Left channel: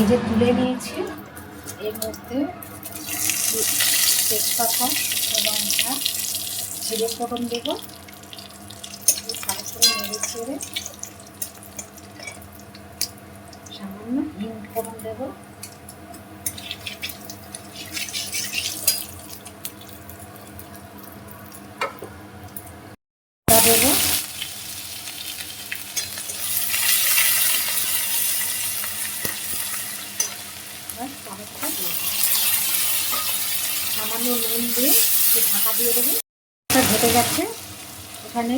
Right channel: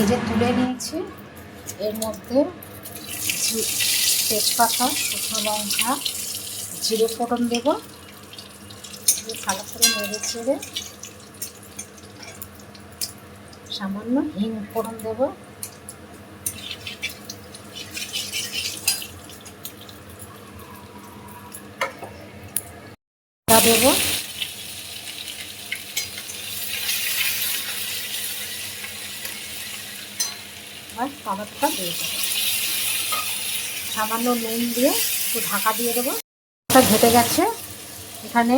ভেজে তুলে নিয়েছি। এর মধ্যে তেজপাতা, শুকনো লঙ্কা, জিরে ফোড়ন দেব। ভালো করে নেড়ে চেড়ে সামান্য হিং ফোড়ন দেব। দেব টমেটোটা দিয়ে দেবো। সামান্য নুন দিয়ে একটু ঢাকা দিয়ে দেবো। ঘেটে গেছে। এখানে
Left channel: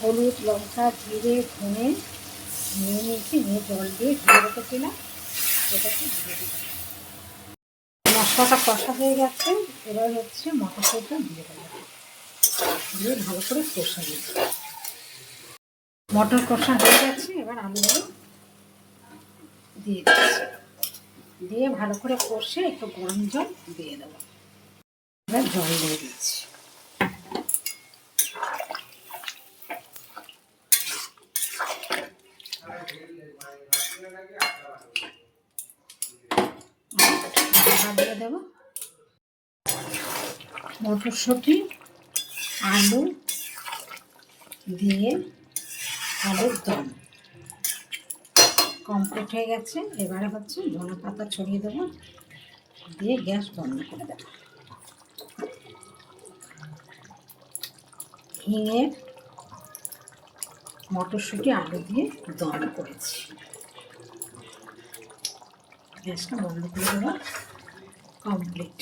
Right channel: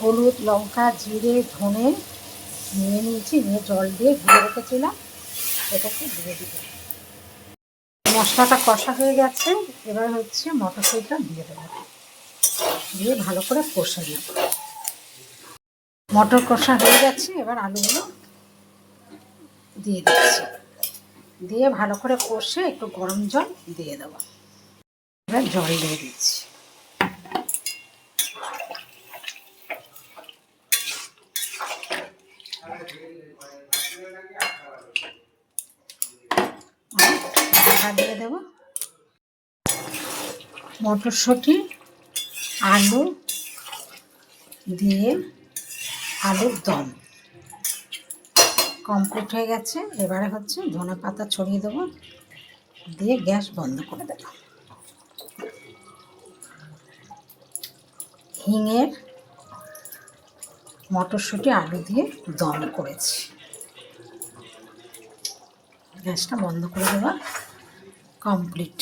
হলুদ, লঙ্কা, জিরে, ধনে নিয়ে নিয়েছি, নিয়ে জল দিয়ে ধুয়ে রেখেছিলাম, এটাকে দিয়ে দিব। মশলাটা কষা হয়ে গেছে। এবার হচ্ছে মটরশুঁটিটা দিয়ে দেবো, দিয়ে ভালো করে কষে নেব। মটর কষা হয়ে গেছে। এবার আলুগুলো দিয়ে দিচ্ছি, দিয়ে ভালো করে কষে একটু গরম জল দিয়ে দেবো। এবার জল দিয়ে দিচ্ছি। ঢাকা দিয়ে দেব। মটরশুঁটি, আলু দিয়ে আলুর দম কমপ্লিট হয়ে গেছে। এবারে হচ্ছে ধনে পাতা ছড়িয়ে দেবো, দিয়ে গ্যাস বন্ধ করে দেব। হিঙের মটরশুঁটি আলু দিয়ে দম করেছি। গ্যাসটা বন্ধ করে দেওয়া কমপ্লিট।